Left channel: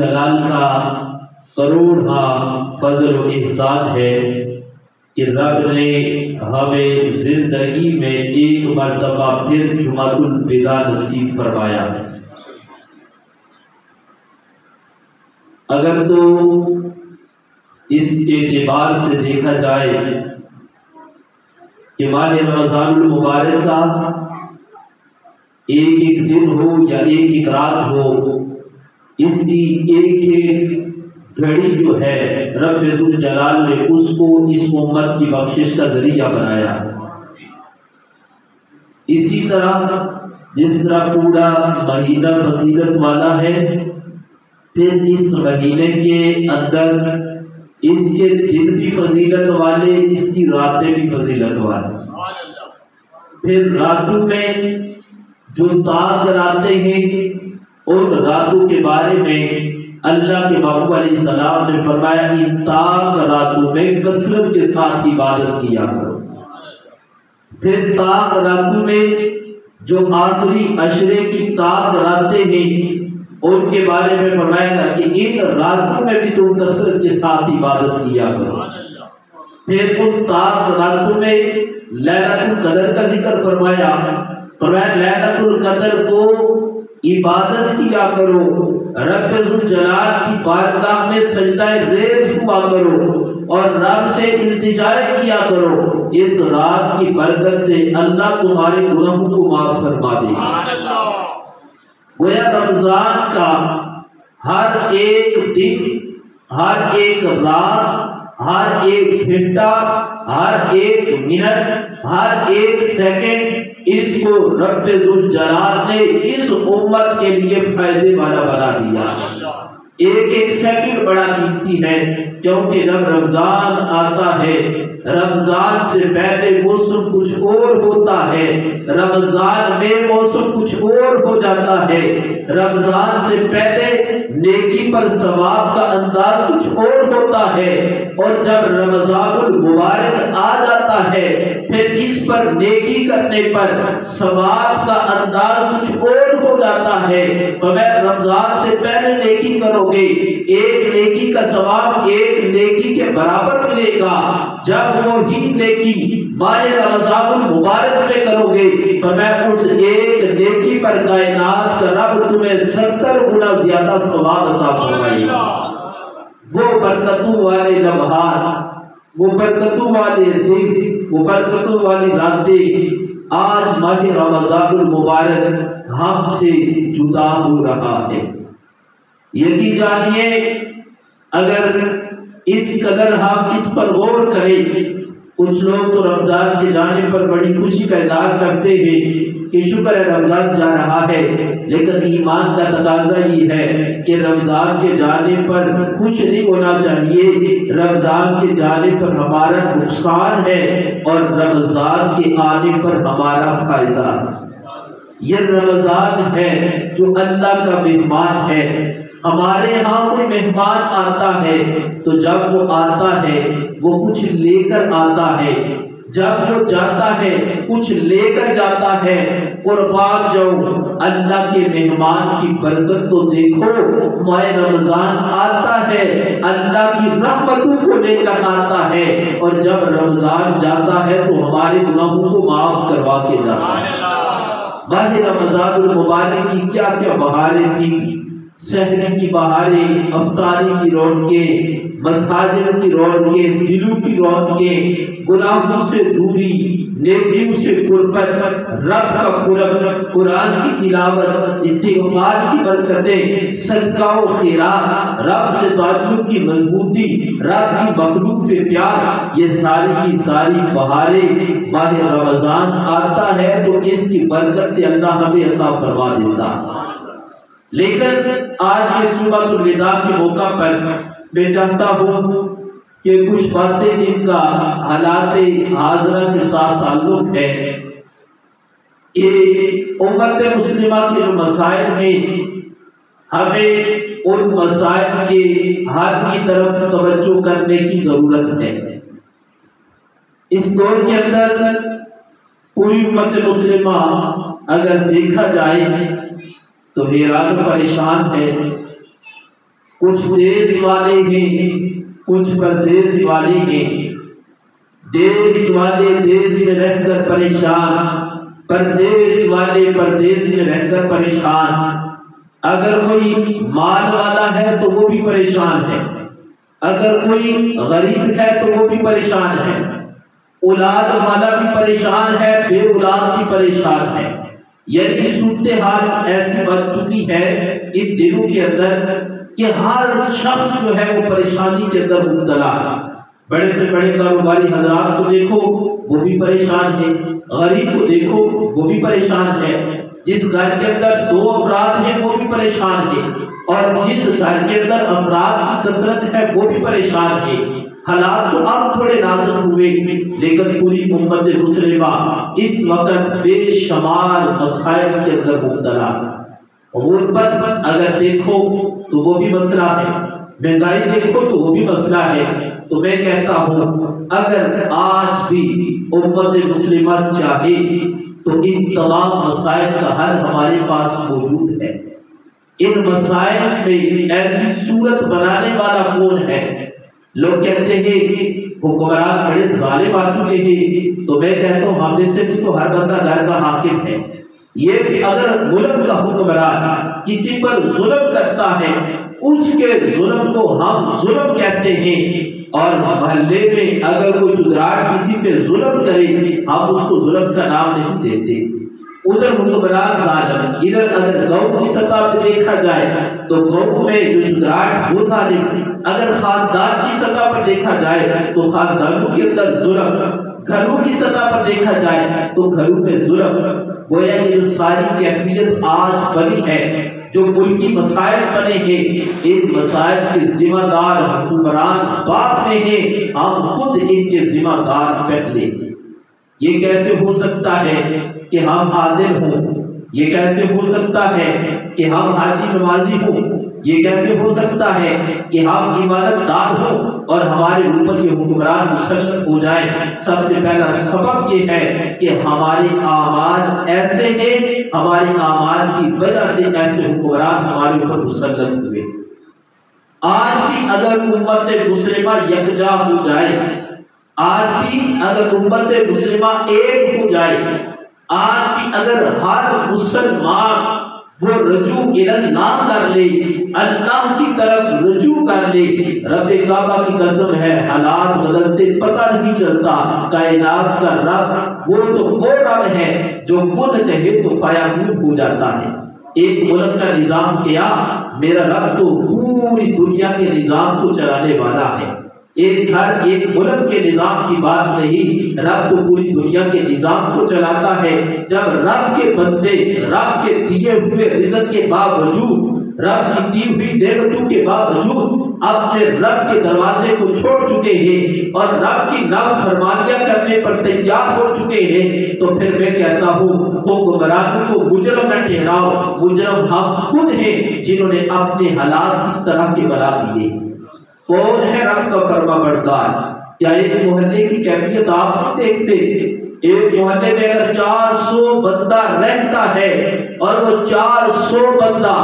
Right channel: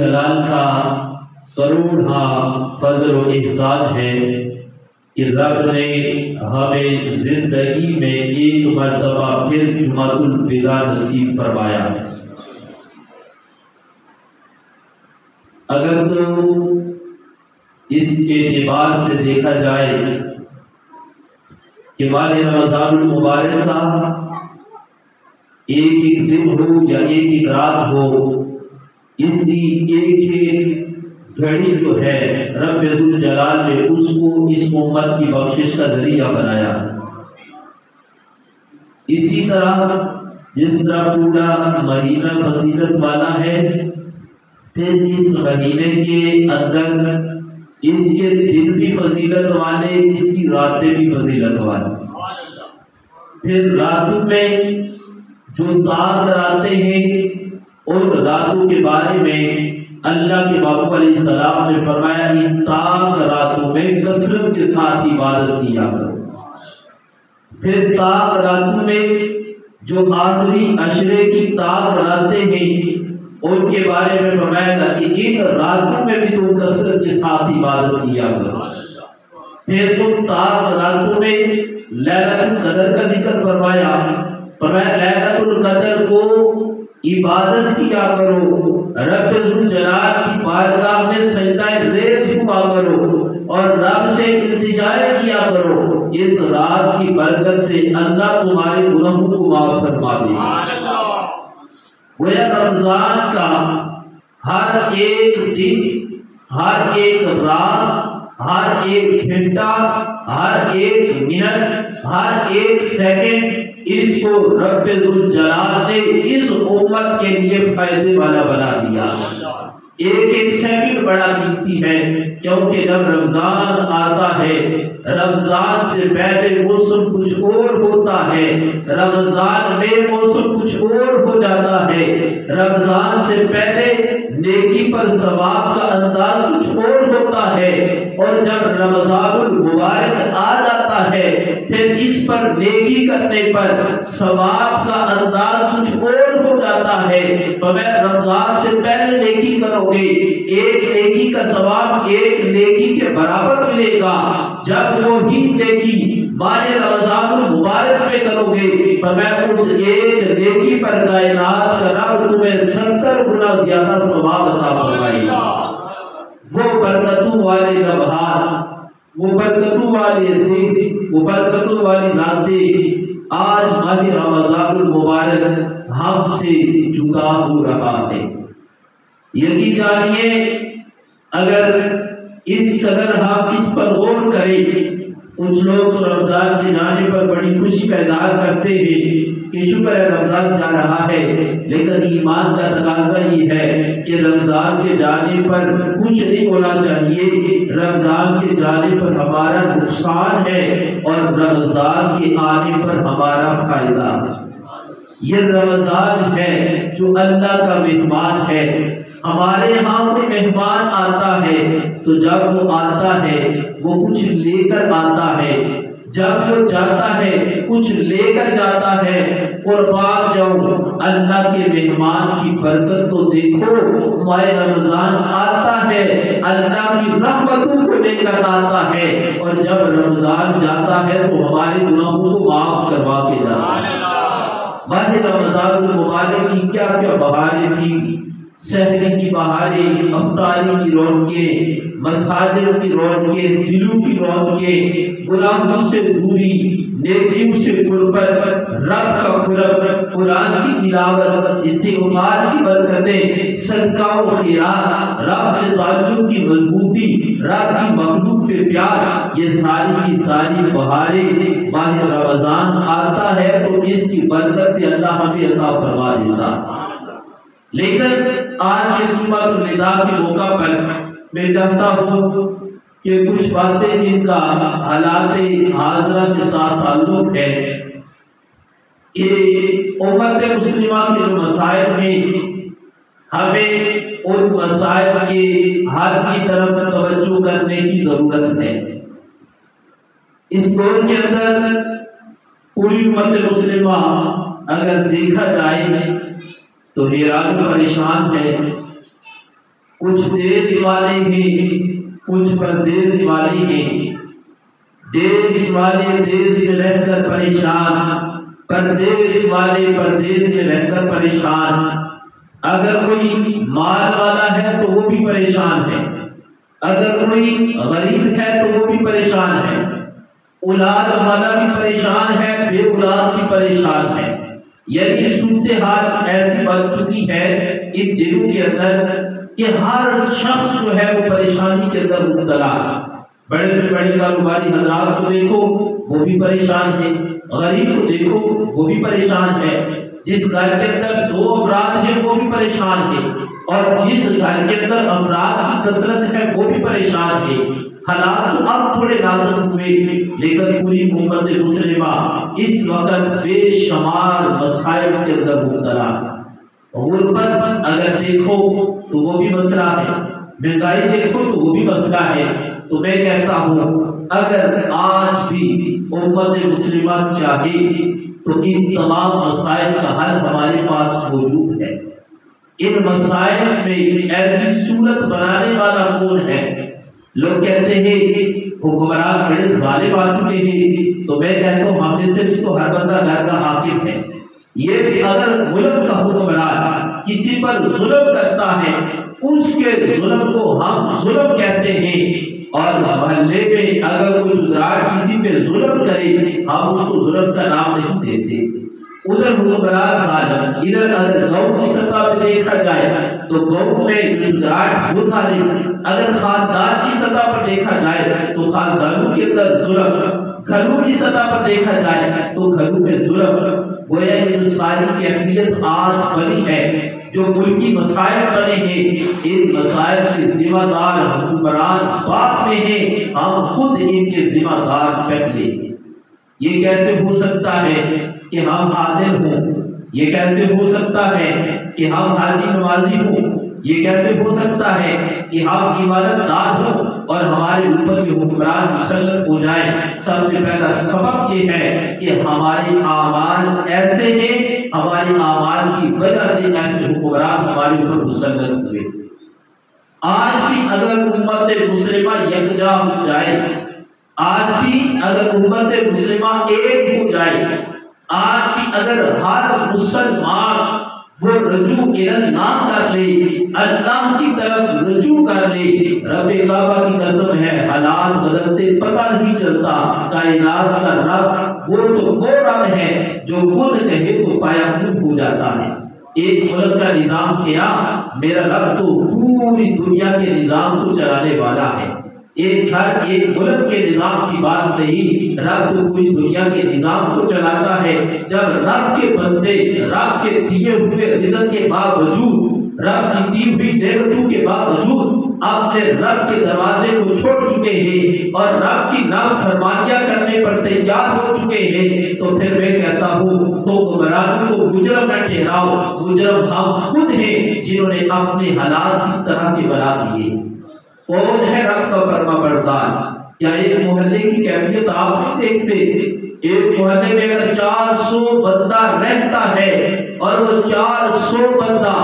ذوالجلال کا کروڑا فضل و احسان ہے کہ رب نے ہمیں زندگی میں ایک مرتبہ پھر جمعۃ الوداع نصیب فرمایا۔ اگر تو اس اعتبار سے دیکھا جائے کہ ماہ رمضان المبارک کا ایک ایک دن ہو یا ایک ایک رات ہو، اس کی ایک ایک گھڑی جو ہے رب ذوالجلال نے اس کو اس امت کی بخشش کا ذریعہ بنایا۔ اسی طرح جس طرح پورا مہینہ فضیلت والا ہے، پھر اس مہینے کے اندر اس کے دن بھی فضیلت والے، اس کی راتیں بھی فضیلت والے۔ پھر راتوں میں جو طاعت کراتے ہیں اور راتوں کے بارے میں اللہ کے محبوب علیہ السلام نے فرمایا کہ طاعت راتوں میں کثرت کے ساتھ عبادت کیا کرو۔ پھر طاعت راتوں میں جو آخری عشرے کی طاعت کراتے ہیں ان کے بارے میں فرمایا تھا کہ ان راتوں میں بھی تم کثرت کے ساتھ عبادت کیا کرو۔ پھر ان طاعت راتوں میں لیلۃ القدر کا ذکر فرمایا لیلۃ القدر کو عبادت کیا کرو، رب ذوالجلال کی بارگاہ میں سجدہ ریز ہوا کرو اور رب سے التجا کیا کرو، اس رات کی برکت سے اللہ تمہارے گناہوں کو معاف فرما دے۔ گویا رمضان کا ہر ایک دن، ہر ایک رات، ہر ایک گھنٹہ، ہر ایک منٹ، ہر ایک سیکنڈ اس کو رب ذوالجلال نے اس امت کے لیے فائدے والا بنا دیا۔ ایک ایک سیکنڈ بڑا قیمتی ہے، کیونکہ جب رمضان آتا ہے رمضان سے پہلے موسم کچھ اور ہوتا ہے، رمضان میں موسم کچھ اور ہو جاتا ہے، رمضان سے پہلے نیکی پر ثواب کا انداز کچھ اور ہوتا ہے، اور جب رمضان المبارک آ جاتا ہے پھر اس پر نیکی کرنے پر ثواب کا انداز کچھ اور ہو جاتا ہے۔ بغیر رمضان سے پہلے نیکی کرو گے، ایک نیکی کا ثواب ایک نیکی کے برابر ملے گا، جب وہی نیکی ماہ رمضان المبارک میں کرو گے بغیر اس ایک نیکی پر کائنات کا رب تمہیں 70 گنا زیادہ ثواب عطا فرمائے گا۔ وہ برکتوں والے لمحات، وہ برکتوں والے دن، وہ برکتوں والی راتیں آج ماہ رمضان المبارک ہم سے جدا ہو رہا ہے۔ یقین جانیے اگر اس قدر ہم اس پر غور کریں، کچھ لوگ تو رمضان کے جانے پر بڑی خوشی کا اظہار کرتے ہیں کہ شکر ہے رمضان جا رہا ہے، لیکن ایمان کا تقاضا یہ ہے کہ رمضان کے جانے پر خوش نہیں ہونا چاہیے، رمضان کے جانے پر ہمارا نقصان ہے اور رمضان کے آنے پر ہمارا فائدہ ہے۔ یہ رمضان ہے جو اللہ کا مہمان ہے، ہمارے ہاں کوئی مہمان آتا ہے تو جب وہ آتا ہے وہ کچھ لے کر آتا ہے، جب وہ جاتا ہے کچھ لے کر جاتا ہے۔ قربان جاؤں اللہ کے مہمان کی برکت تو دیکھو، ماہ رمضان آتا ہے اللہ کی رحمتوں کو لے کر آتا ہے، اور جب رمضان جاتا ہے تو ہمارے گناہوں کو معاف کروا کے جاتا ہے۔ ماہ رمضان المبارک کی کیا کیا بہاریں تھی، شہری کی بہاریں، افطاری کی رونقیں، مساجد کی رونقیں، دلوں کی رونقیں، گناہوں سے دوری، نیکیوں سے قربت، رب کا قرب، قرآن کی تلاوت، استغفار کی برکتیں، صدقہ و خیرات، رب سے تعلق کی مضبوطی، رب کی مخلوق سے پیار، یہ ساری کی ساری بہاریں ماہ رمضان آتا ہے تو اس کی برکت سے اللہ ہمیں عطا فرما دیتا۔ لیکن آج کے جمعۃ الوداع کے موقع پر میں چاہتا ہوں کہ کچھ باتیں جن کا حالات حاضرہ کے ساتھ تعلق ہے کہ امت مسلمہ کے مسائل میں ہمیں ان مسائل کے حل کی طرف توجہ کرنے کی ضرورت ہے۔ اس دور کے اندر پوری امت مسلمہ اگر دیکھا جائے تو حیران پریشان ہے کچھ دیس والے ہیں، کچھ پردیس والے ہیں۔ دیس والے دیس میں رہ کر پریشان، پردیس والے پردیس میں رہ کر پریشان۔ اگر کوئی مال والا ہے تو وہ بھی پریشان ہے، اگر کوئی غریب ہے تو وہ بھی پریشان ہے، اولاد والا بھی پریشان ہے، بے اولاد بھی پریشان ہے۔ یعنی صورتحال ایسی بن چکی ہے ان دنوں کے اندر کہ ہر شخص جو ہے وہ پریشانی کے اندر مبتلا ہے۔ بڑے سے بڑے کاروباری حضرات کو دیکھو وہ بھی پریشان ہے، غریب کو دیکھو وہ بھی پریشان ہے، جس گھر کے اندر 2 افراد ہیں وہ بھی پریشان ہے، اور جس گھر کے اندر افراد کی کثرت ہے وہ بھی پریشان ہے۔ حالات تو اب تھوڑے نازک ہوئے، لیکن پوری امت مسلمہ اس وقت بے شمار مسائل کے اندر مبتلا ہے۔ غربت اگر دیکھو تو وہ بھی مسئلہ ہے، مہنگائی دیکھو تو وہ بھی مسئلہ ہے۔ تو میں کہتا ہوں اگر آج بھی امت مسلمہ چاہے تو ان تمام مسائل کا حل ہمارے پاس موجود ہے۔ ان مسائل میں ایسی صورت بنانے والا کون ہے؟ لوگ کہتے ہیں حکمران بڑے ظالم آ چکے ہیں، تو میں کہتا ہوں ہم میں سے بھی تو ہر بندہ گھر کا حاکم ہے۔ یہ کہ اگر ملک کا حکمران کسی پر ظلم کرتا ہے اس کے ظلم کو ہم ظلم کہتے ہیں، اور محلے میں اگر کوئی چودراہٹ کسی پہ ظلم کرے ہم اس کو ظلم کا نام نہیں دیتے۔ ادھر حکمران ظالم، ادھر اگر گاؤں کی سطح پہ دیکھا جائے تو گاؤں میں جو چودراہٹ وہ ظالم، اگر خاندان کی سطح پر دیکھا جائے تو خاندانوں کے اندر ظلم، گھروں کی سطح پر دیکھا جائے تو گھروں میں ظلم۔ گویا یہ جو ساری کیفیت آج بنی ہے، جو ملکی مسائل بنے ہیں، ان مسائل کے ذمہ دار حکمران باپ میں ہیں، ہم خود ان کے ذمہ دار پہلے۔ یہ کیسے ہو سکتا ہے کہ ہم عادل ہوں؟ یہ کیسے ہو سکتا ہے کہ ہم حاجی نمازی ہوں؟ یہ کیسے ہو سکتا ہے کہ ہم عبادت دار ہوں اور ہمارے اوپر یہ حکمران مسلط ہو جائے؟ سب سے پہلا سبب یہ ہے کہ ہمارے اعمال ایسے ہیں، ہمارے اعمال کی وجہ سے ایسے حکمران ہمارے اوپر مسلط ہوئے۔ آج بھی اگر امت مسلمہ یکجا ہو جائے، آج بھی اگر امت مسلمہ ایک ہو جائے، آج بھی اگر ہر مسلمان وہ رجوع اللہ کر لے، اللہ کی طرف رجوع کر لے، رب کعبہ کی قسم ہے حالات بدلتے پتہ نہیں چلتا۔ کائنات کا رب وہ تو وہ رب ہے جو کن کہے تو فیکون ہو جاتا ہے۔ ایک ملک کا نظام کیا، میرا رب تو پوری دنیا کے نظام کو چلانے والا ہے۔ ایک گھر ایک ملک کے نظام کی بات نہیں، رب تو پوری دنیا کے نظام کو چلاتا ہے۔ جب رب کے بندے رب کے دیے ہوئے رزق کے باوجود، رب کی دی ہوئی نعمتوں کے باوجود اپنے رب کے دروازے کو چھوڑ چکے ہیں اور رب کی نافرمانیاں کرنے پر تیار ہو چکے ہیں، تو پھر میں کہتا ہوں حکمرانوں کو مجرم نہ ٹھہراؤ، مجرم ہم خود ہیں جنہوں نے اپنے حالات اس طرح کے بنا دیے۔ کون ہے رب کا فرما بردار؟ کیا ایک محلے کی کیفیت آپ نہیں دیکھتے؟ ایک محلے میں اگر 400 بندہ رہتا ہے اور وہ 400 بندہ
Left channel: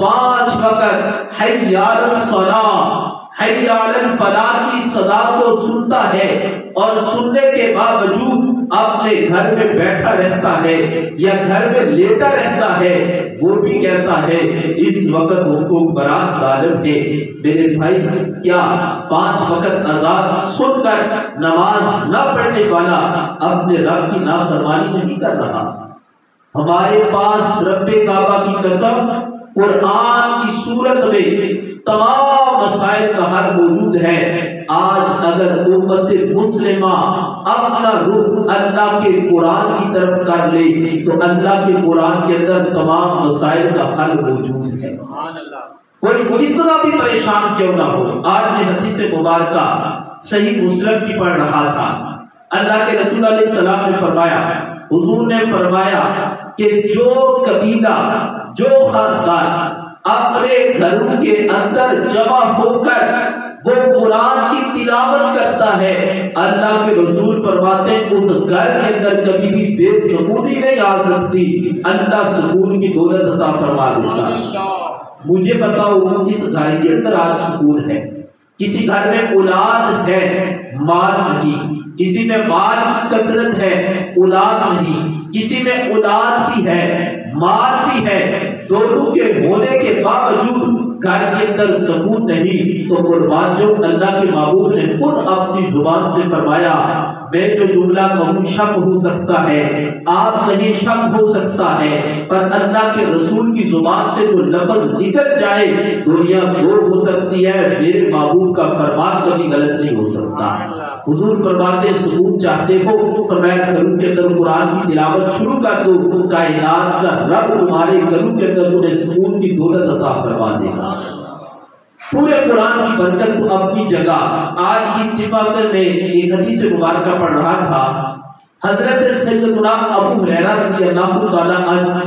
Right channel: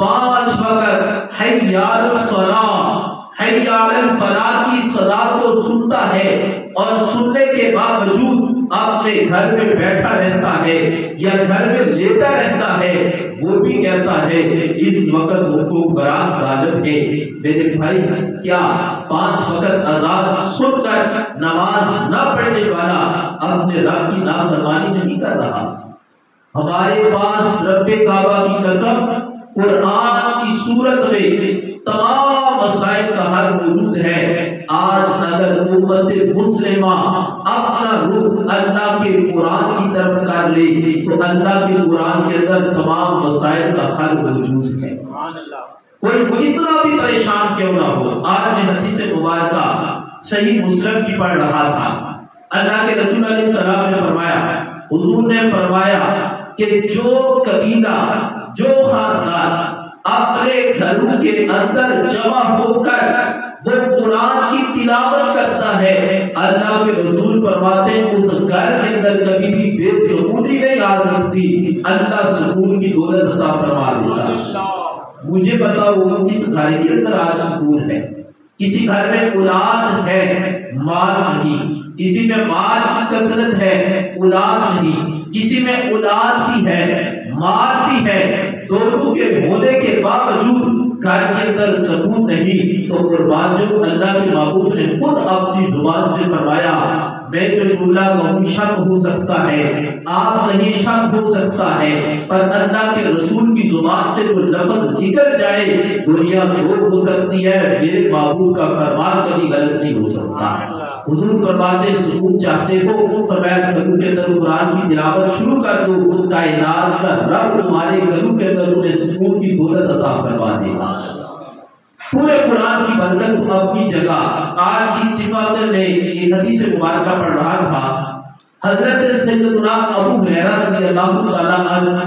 5 وقت حی علی الصلاۃ حی علی الفلاح کی صدا کو سنتا ہے اور سننے کے باوجود اپنے گھر میں بیٹھا رہتا ہے یا گھر میں لیٹا رہتا ہے، وہ بھی کہتا ہے اس وقت حکمران ظالم ہے۔ میرے بھائی، کیا 5 وقت اذان سن کر نماز نہ پڑھنے والا اپنے رب کی نافرمانی نہیں کر رہا؟ ہمارے پاس رب کعبہ کی قسم قرآن کی صورت میں تمام مسائل کا حل موجود ہے۔ آج اگر امت مسلمہ اپنا رخ اللہ کے قرآن کی طرف کر لے تو اللہ کے قرآن کے اندر تمام مسائل کا حل موجود ہے۔ کوئی اتنا بھی پریشان کیوں نہ ہو۔ آج میں حدیث مبارکہ صحیح مسلم کی پڑھ رہا تھا، اللہ کے رسول علیہ السلام نے فرمایا، حضور نے فرمایا کہ جو قبیلہ، جو خاندان اپنے گھروں کے اندر جمع ہو کر وہ قرآن کی تلاوت کرتا ہے، اللہ کے رسول فرماتے ہیں اس گھر کے اندر کبھی بھی بے سکونی نہیں آ سکتی، اللہ سکون کی دولت عطا فرما دیتا ہے۔ مجھے بتاؤ اس گھر کے اندر آج سکون ہے؟ کسی گھر میں اولاد ہے مال نہیں، کسی میں مال کی کثرت ہے اولاد نہیں، کسی میں اولاد بھی ہے مال بھی ہے، دونوں کے ہونے کے باوجود گھر کے اندر سکون نہیں، تو قربان جو اللہ کے محبوب نے خود اپنی زبان سے فرمایا میں جو جملہ کہوں شک ہو سکتا ہے، آپ نہیں شک ہو سکتا ہے، پر اللہ کے رسول کی زبان سے جو لفظ نکل جائے دنیا دور ہو سکتی ہے، میرے محبوب کا فرمان کبھی غلط نہیں ہو سکتا۔ حضور فرماتے سکون چاہتے ہو، فرمایا گھروں کے اندر قرآن کی تلاوت شروع کر دو، کائنات کا رب تمہارے گھروں کے اندر تمہیں سکون کی دولت عطا فرما دے گا۔ پورے قرآن کی برکت تو اپنی جگہ۔ آج کی اتفاق میں ایک حدیث مبارکہ پڑھ رہا تھا، حضرت سیدنا ابو ہریرہ رضی اللہ تعالیٰ عنہ،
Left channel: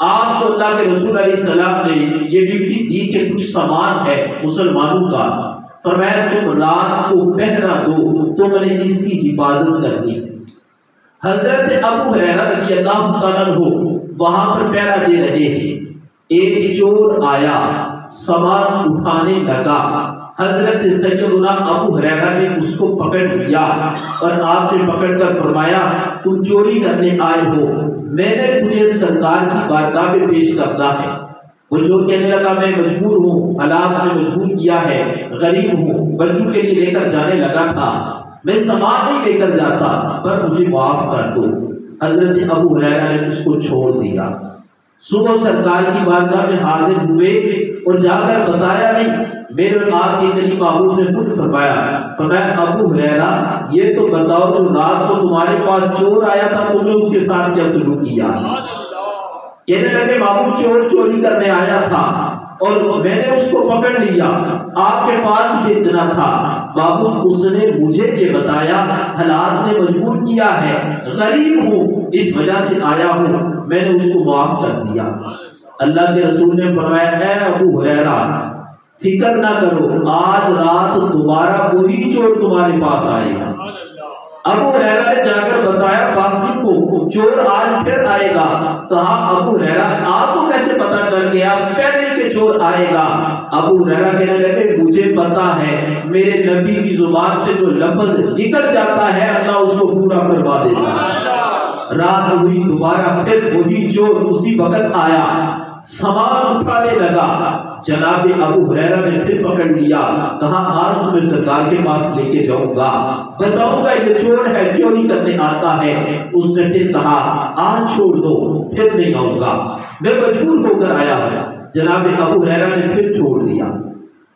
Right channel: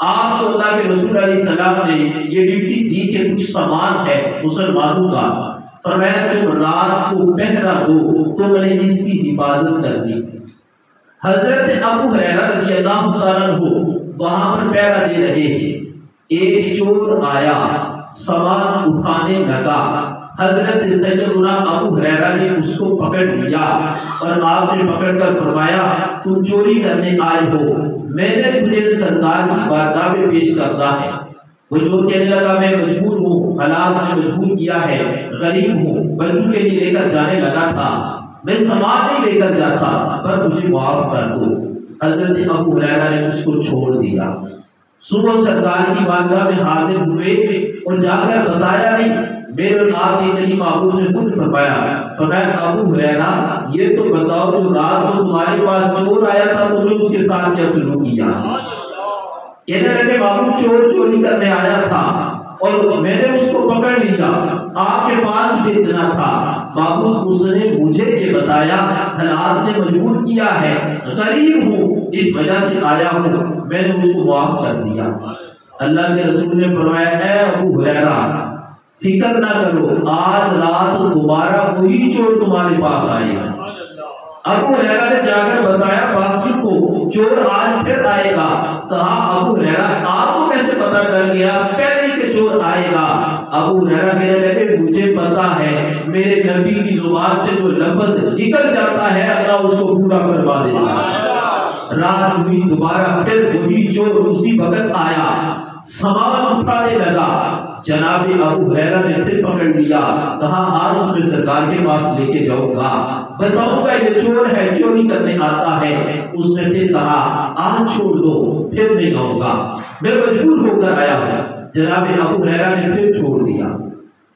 آپ کو اللہ کے رسول علیہ السلام نے یہ ڈیوٹی دی کہ کچھ سامان ہے مسلمانوں کا، فرمایا تم رات کو پہرا دو، تم نے اس کی حفاظت کرنی۔ حضرت ابو ہریرہ رضی اللہ تعالیٰ عنہ وہاں پر پہرا دے رہے ہیں، ایک چور آیا سامان اٹھانے لگا، حضرت سیدنا ابو ہریرہ نے اس کو پکڑ لیا اور آپ نے پکڑ کر فرمایا تم چوری کرنے آئے ہو، میں نے تجھے سرکار کی بارگاہ میں پیش کرنا ہے۔ وہ چور کہنے لگا میں مجبور ہوں، حالات نے مجبور کیا ہے، غریب ہوں، بچوں کے لیے لے کر جانے لگا تھا، میں سامان نہیں لے کر جاتا، پر مجھے معاف کر دو۔ حضرت ابو ہریرہ نے اس کو چھوڑ دیا۔ صبح سرکار کی بارگاہ میں حاضر ہوئے اور جا کر بتایا نہیں، میرے آپ کے نبی محبوب نے خود فرمایا ابو ہریرہ یہ تو بتاؤ جو رات کو تمہارے پاس چور آیا تھا تم نے اس کے ساتھ کیا سلوک کیا؟ کہنے لگے بابو چور چوری کرنے آیا تھا اور میں نے اس کو پکڑ لیا، آپ کے پاس بیچنا تھا، بابو اس نے مجھے یہ بتایا حالات نے مجبور کیا ہے، غریب ہوں اس وجہ سے آیا ہوں، میں نے اس کو معاف کر دیا۔ اللہ کے رسول نے فرمایا اے ابو ہریرہ فکر نہ کرو، آج رات دوبارہ وہی چور تمہارے پاس آئے گا۔ ابو ہریرہ نے جا کر بتایا باقی کو چور آج پھر آئے گا، کہا ابو ہریرہ آپ کو کیسے پتا چل گیا پہلے کہ چور آئے گا؟ ابو ہریرہ کہنے لگے مجھے پتا ہے میرے نبی کی زبان سے جو لفظ نکل جاتا ہے اللہ اس کو پورا کروا دیتا ہے۔ رات ہوئی دوبارہ پھر وہی چور اسی وقت آیا، سامان اٹھانے لگا، جناب ابو ہریرہ نے پھر پکڑ لیا، کہا آج تمہیں سرکار کے پاس لے کے جاؤں گا، بتاؤں گا یہ چور ہے چوری کرنے آتا ہے۔ اس نے پھر کہا آج چھوڑ دو پھر نہیں آؤں گا، میں مجبور ہو کر آیا ہوں۔ جناب ابو ہریرہ نے پھر چھوڑ دیا۔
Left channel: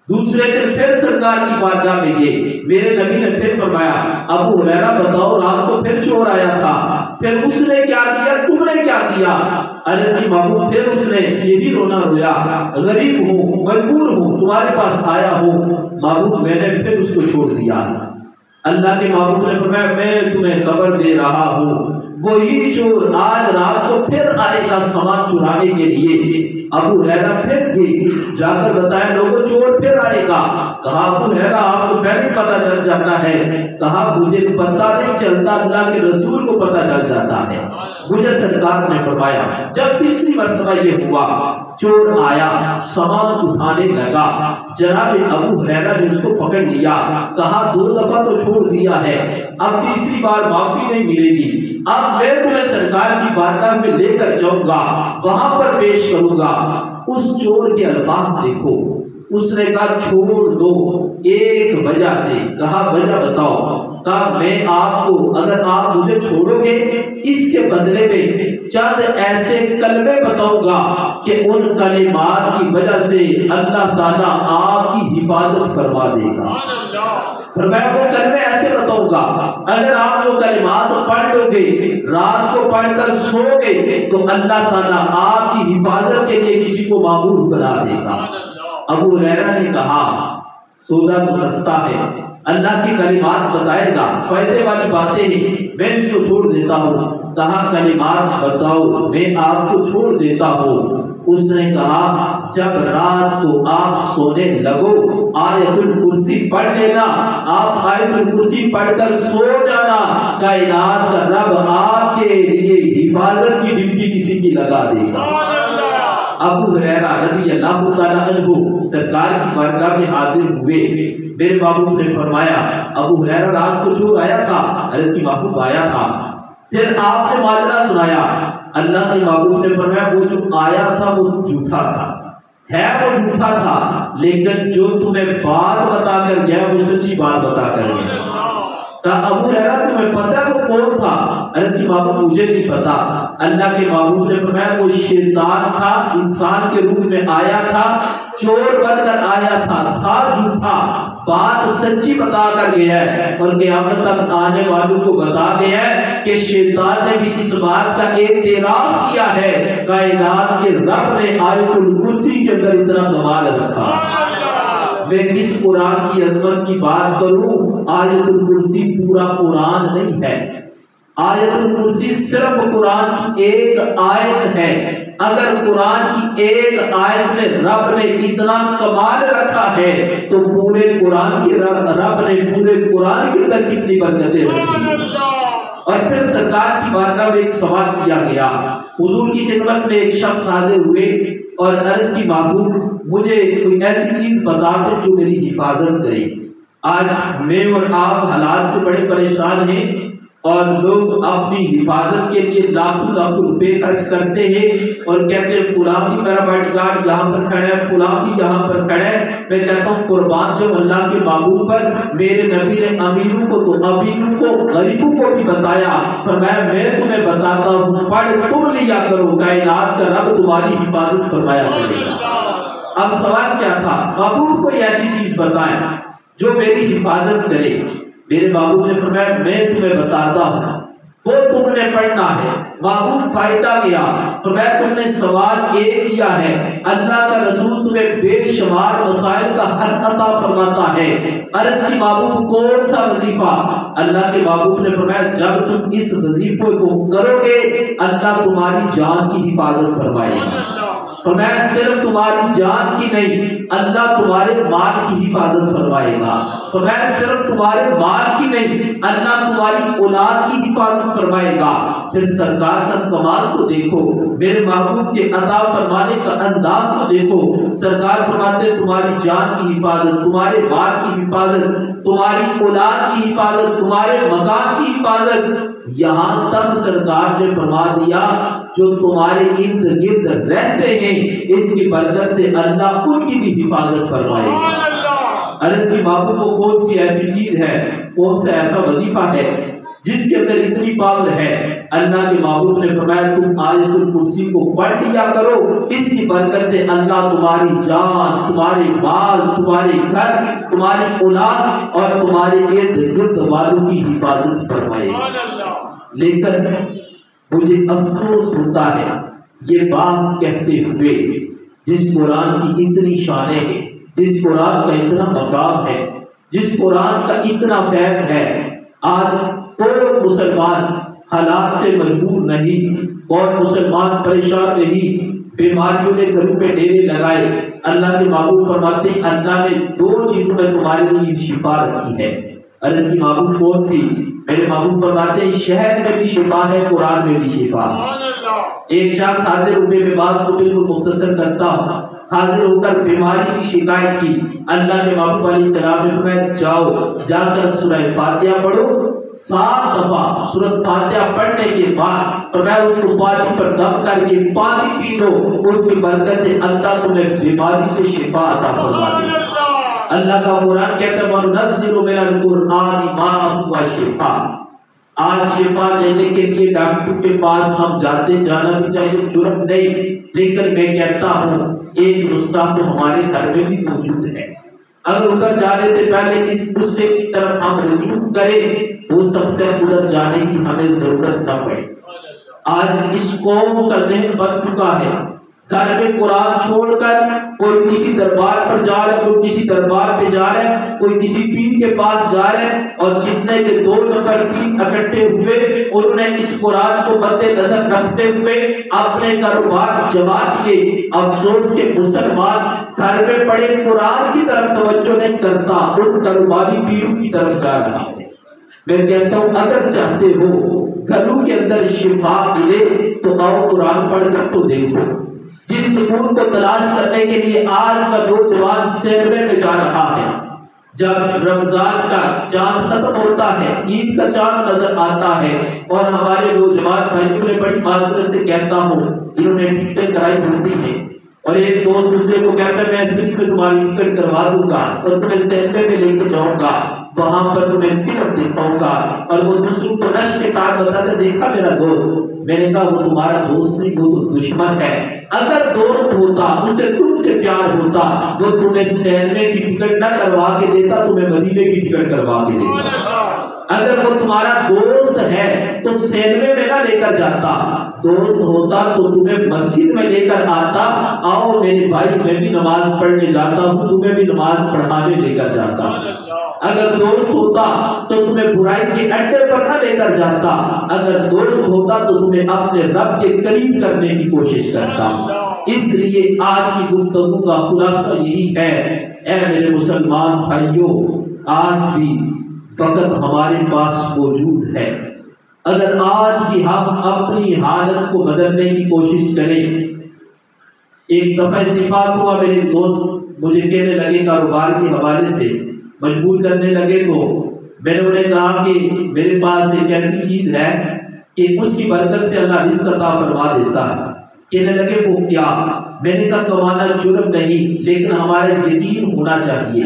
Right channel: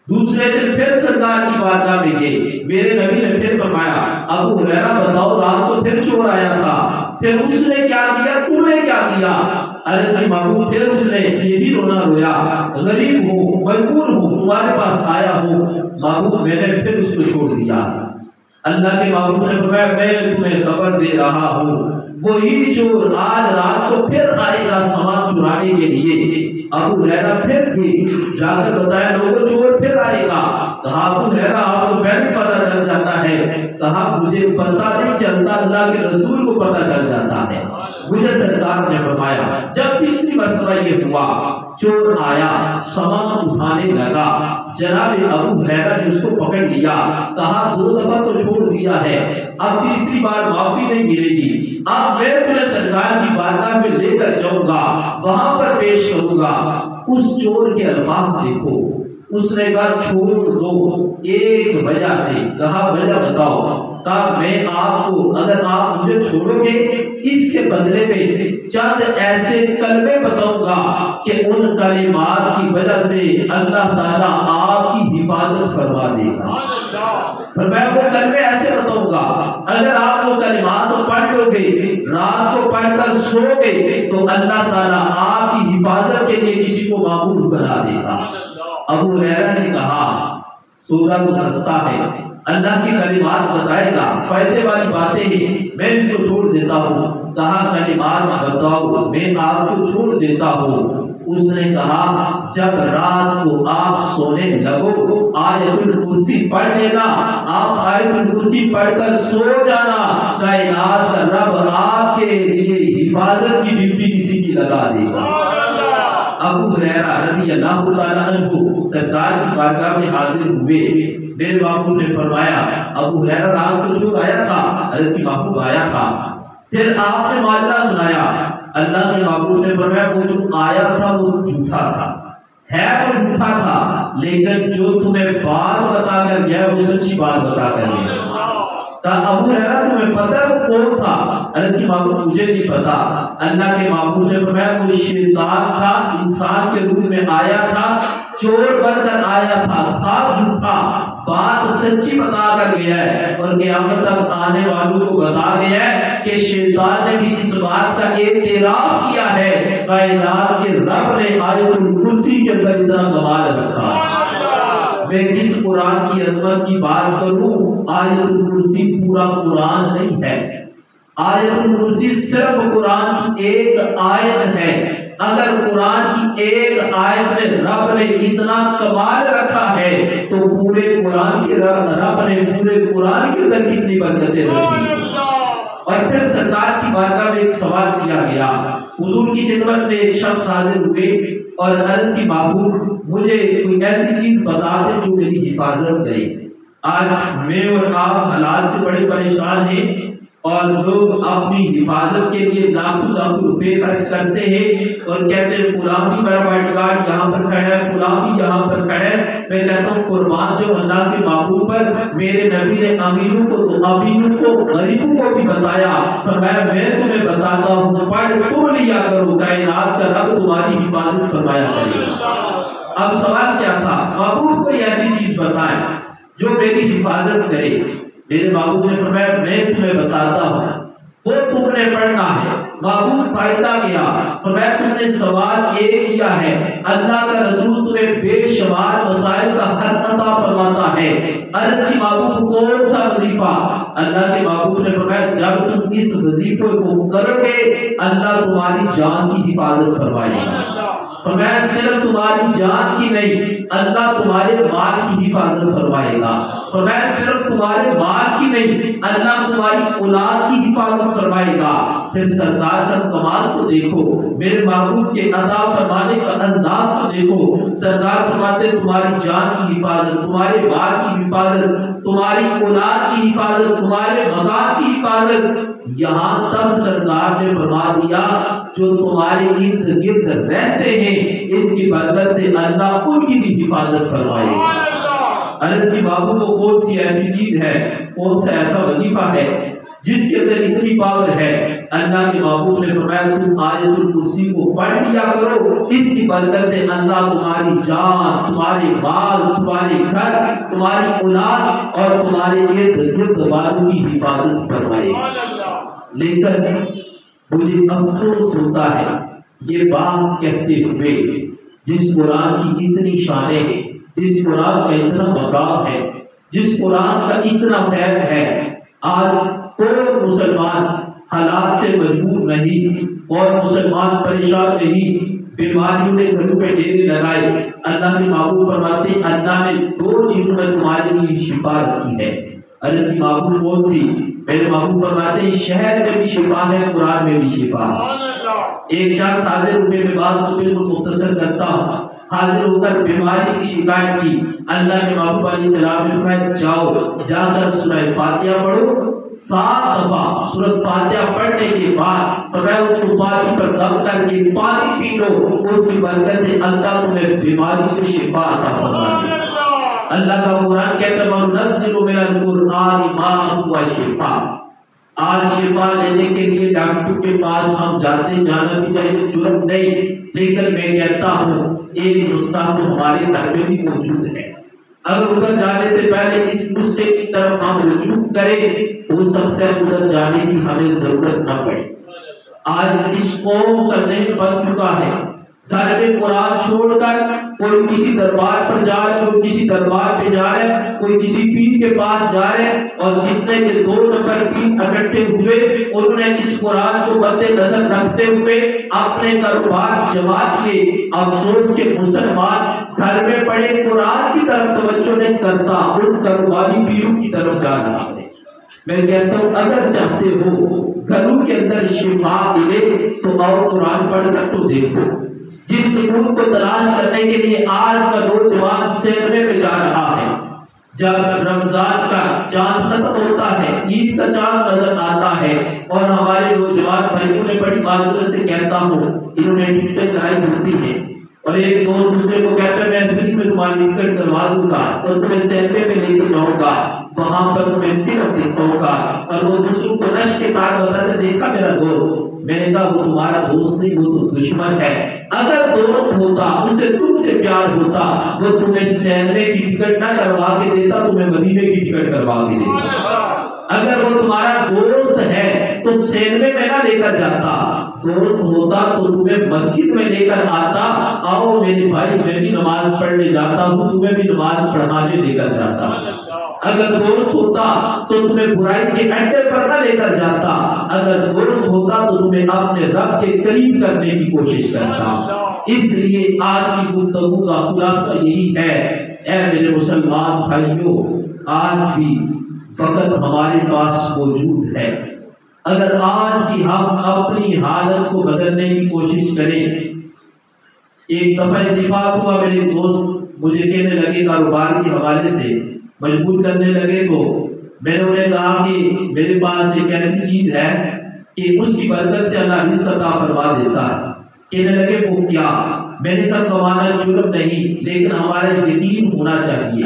دوسرے دن پھر سرکار کی بارگاہ میں گئے، میرے نبی نے پھر فرمایا ابو ہریرہ بتاؤ رات کو پھر چور آیا تھا، پھر اس نے کیا کیا تم نے کیا کیا؟ ارے محبوب پھر اس نے یہی رونا رویا، غریب ہوں مجبور ہوں تمہارے پاس آیا ہوں، محبوب میں نے پھر اس کو چھوڑ دیا۔ اللہ کے محبوب نے فرمایا میں تمہیں خبر دے رہا ہوں وہی چور آج رات کو پھر آئے گا سامان چرانے کے لیے۔ ابو ہریرہ پھر گئے، جا کر بتایا لوگوں چور پھر آئے گا، کہا ابو ہریرہ آپ کو پہلے پتا چل جاتا ہے، کہا مجھے پتا نہیں چلتا اللہ کے رسول کو پتا چل جاتا ہے۔ مجھے سرکار نے فرمایا جب تیسری مرتبہ یہ ہوا چور آیا سامان اٹھانے لگا، جناب ابو ہریرہ نے اس کو پکڑ لیا، کہا دو دفعہ تو چھوڑ دیا ہے، اب تیسری بار معافی نہیں ملے گی، اب میں تمہیں سرکار کی بارگاہ میں لے کر جاؤں گا، وہاں پر پیش کروں گا۔ اس چور کے الفاظ دیکھو، اس نے کہا چھوڑ دو ایک وجہ سے، کہا وجہ بتاؤ؟ کہا میں آپ کو اگر آپ مجھے چھوڑو گے اس کے بدلے میں چند ایسے کلمے بتاؤں گا کہ ان کلمات کی وجہ سے اللہ تعالیٰ آپ کی حفاظت فرما دے گا۔ فرمایا وہ کلمے ایسے بتاؤں گا اگر آپ وہ کلمات پڑھ لو گے رات کو پڑھ کر سو گے تو اللہ تعالیٰ آپ کی حفاظت کے لیے کسی کو معمول بنا دے گا۔ ابو ہریرہ نے کہا سودا تو سستا ہے، اللہ کی کلمات بتائے گا، فائدے والی باتیں ہیں، میں اس کو چھوڑ دیتا ہوں۔ کہا کلمات بتاؤ میں آپ کو چھوڑ دیتا ہوں۔ اس نے کہا جب رات کو آپ سونے لگو آیت الکرسی پڑھ لینا، آپ آیت الکرسی پڑھ کر سو جانا، کائنات کا رب آپ کے لیے حفاظت کی ڈیوٹی کسی کی لگا دے گا۔ ابو ہریرہ رضی اللہ تعالیٰ عنہ سرکار کی بارگاہ میں حاضر ہوئے. میرے محبوب نے فرمایا ابو ہریرہ رات کو جو آیا تھا عرض کی محبوب آیا تھا. پھر آپ نے ماجرا سنایا. اللہ کے محبوب نے فرمایا وہ جو آیا تھا وہ جھوٹا تھا, ہے وہ جھوٹا تھا, لیکن جو تمہیں بات بتا کر گیا وہ سچی بات بتا کر گیا. ابو ہریرہ تمہیں پتہ وہ کون تھا؟ عرض کی محبوب مجھے نہیں پتا. اللہ کے محبوب نے فرمایا وہ شیطان تھا, انسان کے روپ میں آیا تھا, چور بن کر آیا تھا جھوٹا, بات سچی بتا کر گیا ہے اور قیامت تک آنے والوں کو بتا دیا ہے کہ شیطان نے بھی اس بات کا اعتراف کیا ہے کائنات کے رب نے آیت الکرسی کے اندر اتنا کمال رکھا. میں کس قرآن کی عظمت کی بات کروں, آیت الکرسی پورا قرآن نہیں ہے. آیت الکرسی صرف قرآن کی ایک آیت ہے. اگر قرآن کی ایک آیت میں رب نے اتنا کمال رکھا ہے تو پورے قرآن کے رب نے پورے قرآن کے اندر کتنی برکتیں رکھی. اور پھر سرکار کی بارگاہ میں ایک سوال کیا گیا. حضور کی خدمت میں ایک شخص حاضر ہوئے اور عرض کی محبوب مجھے کوئی ایسی چیز بتا دیں جو میری حفاظت کرے. آج میں اور آپ حالات سے بڑے پریشان ہیں اور لوگ اپنی حفاظت کے لیے لاکھوں لاکھوں روپے خرچ کرتے ہیں اور کہتے ہیں فلاں بھی میرا باڈی گارڈ یہاں پر کھڑا ہے, فلاں بھی یہاں پر کھڑا ہے. میں کہتا ہوں قربان جو اللہ کے محبوب پر میرے نبی نے امیروں کو تو امیروں کو غریبوں کو بھی بتایا. فرمایا میں تمہیں بتاتا ہوں پڑھ تم لیا کرو, کائنات کا رب تمہاری حفاظت فرمایا کرے گا. اب سوال کیا تھا, محبوب کوئی ایسی چیز بتائیں جو میری حفاظت کرے. میرے محبوب نے فرمایا میں تمہیں بتاتا ہوں, وہ تم نے پڑھنا ہے. محبوب فائدہ کیا, فرمایا تم نے سوال ایک کیا ہے, اللہ کا رسول تمہیں بے شمار مسائل کا حل عطا فرماتا ہے. عرض کی محبوب کون سا وظیفہ؟ اللہ کے محبوب نے فرمایا جب تم اس وظیفے کو کرو گے اللہ تمہاری جان کی حفاظت فرمائے گا. فرمایا صرف تمہاری جان کی نہیں, اللہ تمہارے مال کی حفاظت فرمائے گا. فرمایا صرف تمہارے مال کی نہیں, اللہ تمہاری اولاد کی حفاظت فرمائے گا. پھر سرکار کا کمال کو دیکھو, میرے محبوب کے عطا فرمانے کا انداز کو دیکھو. سرکار فرماتے تمہاری جان کی حفاظت, تمہارے مال کی حفاظت, تمہاری اولاد کی حفاظت, تمہارے مکان کی حفاظت. یہاں تک سرکار نے فرما دیا جو تمہارے ارد گرد رہتے ہیں اس کی برکت سے اللہ ان کی بھی حفاظت فرمائے گا. عرض کی محبوب کو کون سی ایسی چیز ہے, کون سا ایسا وظیفہ ہے جس کے اندر اتنی پاور ہے؟ اللہ کے محبوب نے فرمایا تم آیت الکرسی کو پڑھ لیا کرو, اس کی برکت سے اللہ تمہاری جان, تمہارے مال, تمہارے گھر, تمہاری اولاد اور تمہارے ارد گرد والوں کی حفاظت فرمائے گا. لیکن مجھے افسوس ہوتا ہے یہ بات کہتے ہوئے جس قرآن کی اتنی شانیں ہیں, جس قرآن کا اتنا مقام ہے, جس قرآن کا اتنا فیض ہے, آج کوئی مسلمان حالات سے مجبور نہیں اور مسلمان پریشان نہیں, بیماریوں نے گھروں پہ ڈیرے لگائے. اللہ کے محبوب فرماتے ہیں اللہ نے دو چیزوں میں تمہارے لیے شفا رکھی ہے. عرض کی محبوب کون سی؟ میرے محبوب فرماتے ہیں شہر میں بھی شفا ہے, قرآن میں بھی شفا ہے. ایک شخص حاضر ہوئے میں بات کو بالکل مختصر کرتا ہوں, حاضر ہو کر بیماری کی شکایت کی. اللہ کے محبوب علیہ السلام نے فرمایا جاؤ جا کر سورہ فاتحہ پڑھو 7 دفعہ. سورۃ فاتحہ پڑھنے کے بعد فرمایا اس کو پانی پر دم کر کے پانی پی لو, اس کی برکت سے اللہ تمہیں بیماری سے شفا عطا فرمائے گا. اللہ کا قرآن کہتا ہے وَنُنَزِّلُ مِنَ الْقُرْآنِ مَا هُوَ شِفَاءٌ. آج شفا لینے کے لیے ڈاکٹر کے پاس ہم جانا بھی چاہیے, جرم نہیں, لیکن میں کہتا ہوں ایک نسخہ تو ہمارے گھر میں بھی موجود ہے. اگر ادھر جانے سے پہلے اس نسخے کی طرف ہم رجوع کریں ہو سکتا ہے ادھر جانے کی ہمیں ضرورت نہ پڑے. آج اس قوم کا ذہن بن چکا ہے, گھر میں قرآن چھوڑ کر کوئی کسی دربار پر جا رہے, کوئی کسی دربار پہ جا رہے, کوئی کسی پیر کے پاس جا رہے, اور جتنے کے 2 نفر پیر اکٹھے ہوئے انہوں نے اس قرآن کو مد نظر رکھتے ہوئے اپنے کاروبار جما لیے. افسوس کے مسلمان گھر میں پڑے قرآن کی طرف توجہ نہیں کرتا, ان کاروباری پیروں کی طرف جا رہا ہے. میں کہتا ہوں اگر چاہتے ہو گھروں کے اندر شفا ملے تو آؤ قرآن پڑھ کر تو دیکھو. جس سکون کو تلاش کرنے کے لیے آج کا نوجوان سیرنے میں جا رہا ہے۔ جب رمضان کا چاند ختم ہوتا ہے، عید کا چاند نظر آتا ہے، اور ہمارے نوجوان بھائیوں نے بڑی معذرت سے کہتا ہوں، انہوں نے ٹکٹ کرائی ہوتی ہے، اور ایک دوست دوسرے کو کہتا ہے میں فری میں تمہاری ٹکٹ کروا دوں گا اور تمہیں سینما میں لے کے جاؤں گا، وہاں پر تمہیں فلم دکھاؤں گا، اور وہ دوسروں کو رشک کے ساتھ بتاتا دیکھا میرا دوست، میں نے کہا وہ تمہارا دوست نہیں، وہ تو دشمن ہے۔ اگر دوست ہوتا، اسے تم سے پیار ہوتا، وہ تمہیں سینما کی ٹکٹ نہ کروا کے دیتا، تمہیں مدینے کی ٹکٹ کروا کے دیتا۔ اگر وہ تمہارا دوست ہے تو سینما میں نہ لے کر جاتا، دوست ہوتا تو تمہیں مسجد میں لے کر آتا، آؤ میرے بھائی میں بھی نماز پڑھنے جاتا ہوں، تمہیں بھی نماز پڑھانے لے کر جاتا۔ اگر دوست ہوتا تو تمہیں برائی کے اڈے پر نہ لے کر جاتا، اگر دوست ہوتا تو تمہیں اپنے رب کے قریب کرنے کی کوشش کرتا۔ اس لیے آج کی گفتگو کا خلاصہ یہی ہے، اے میرے مسلمان بھائیوں، آج بھی وقت ہمارے پاس موجود ہے، اگر آج بھی ہم اپنی حالت کو بدلنے کی کوشش کریں۔ ایک دفعہ اتفاق ہوا، میرے دوست مجھے کہنے لگے کاروبار کے حوالے سے مجبور کرنے لگے، تو میں نے انہیں کہا کہ میرے پاس ایک ایسی چیز ہے کہ اس کی برکت سے اللہ رزق عطا فرما دیتا ہے۔ کہنے لگے وہ کیا؟ میں نے کہا کمانا جرم نہیں، لیکن ہمارا یقین ہونا چاہیے،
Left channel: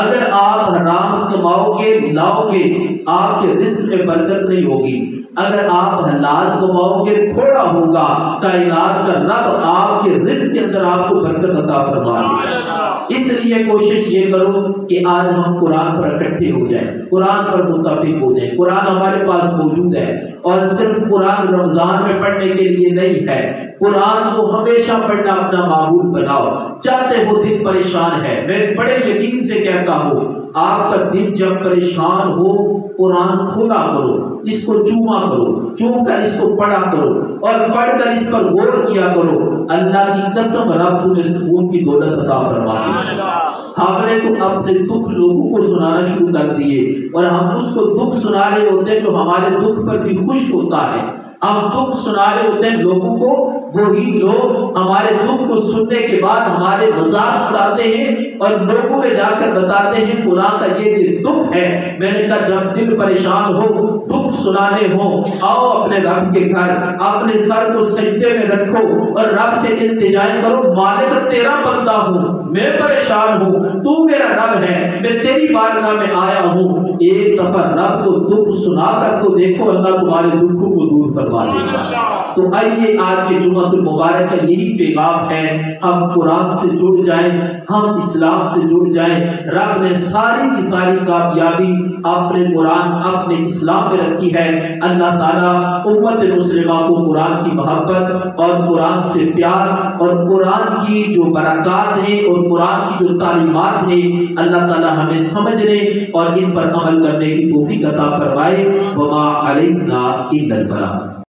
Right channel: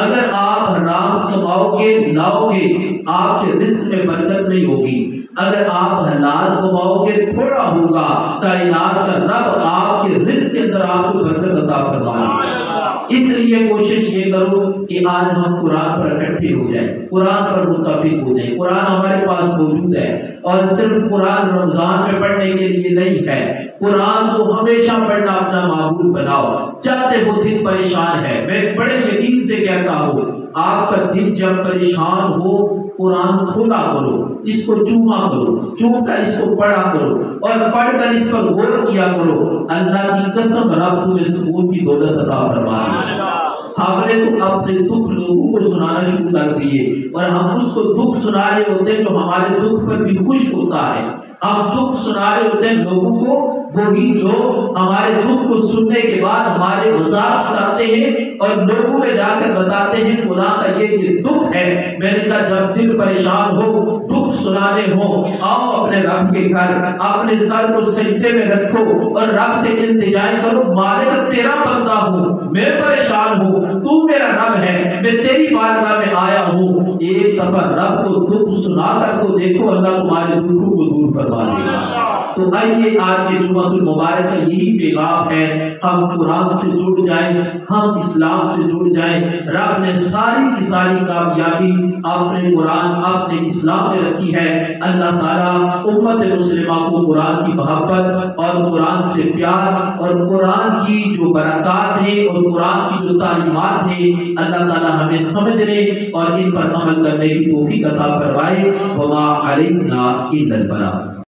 اگر آپ حرام کماؤ گے لاؤ گے آپ کے رزق میں برکت نہیں ہوگی، اگر آپ حلال کماؤ گے تھوڑا ہوگا، کائنات کا رب آپ کے رزق کے اندر آپ کو برکت عطا فرمائے گا۔ اس لیے کوشش یہ کرو کہ آج ہم قرآن پر اکٹھے ہو جائیں، قرآن پر متفق ہو جائیں۔ قرآن ہمارے پاس موجود ہے، اور صرف قرآن رمضان میں پڑھنے کے لیے نہیں ہے، قرآن کو ہمیشہ پڑھنا اپنا معمول بناؤ۔ چاہتے وہ دل پریشان ہے، میں بڑے یقین سے کہتا ہوں آپ کا دل جب پریشان ہو قرآن کھولا کرو، اس کو چوما کرو، چوم کر اس کو پڑھا کرو، اور پڑھ کر اس پر غور کیا کرو، اللہ کی قسم رب تمہیں سکون کی دولت عطا فرما دے گا۔ ہم نے تو اپنے دکھ لوگوں کو سنانا شروع کر دیے، اور ہم اس کو دکھ سنا رہے ہوتے جو ہمارے دکھ پر بھی خوش ہوتا ہے، ہم دکھ سنا رہے ہوتے ہیں لوگوں کو، وہی لوگ ہمارے دکھ کو سننے کے بعد ہمارے مذاق اڑاتے ہیں اور لوگوں میں جا کر بتاتے ہیں فلاں کا یہ دکھ ہے۔ میں نے کہا جب دل پریشان ہو، دکھ سنانے ہو، آؤ اپنے رب کے گھر، اپنے سر کو سجدے میں رکھو اور رب سے التجائیں کرو، مالک تیرا بندہ ہوں، میں پریشان ہوں، تو میرا رب ہے، میں تیری بارگاہ میں آیا ہوں۔ ایک دفعہ رب کو دکھ سنا کر تو دیکھو، اللہ تمہارے دکھوں کو دور فرما دے گا۔ تو آئیے آج کے جمعہ المبارک کا یہی پیغام ہے، ہم قرآن سے جڑ جائیں، ہم اسلام سے جڑ جائیں۔ رب نے ساری کی ساری کامیابی اپنے قرآن اپنے اسلام میں رکھی ہے۔ اللہ تعالیٰ امت مسلمہ کو قرآن کی محبت اور قرآن سے پیار اور قرآن کی جو برکات ہیں اور قرآن کی جو تعلیمات ہیں، اللہ تعالیٰ ہمیں سمجھنے اور ان پر عمل کرنے کی توفیق عطا فرمائے۔ وما علینا الا البلاغ۔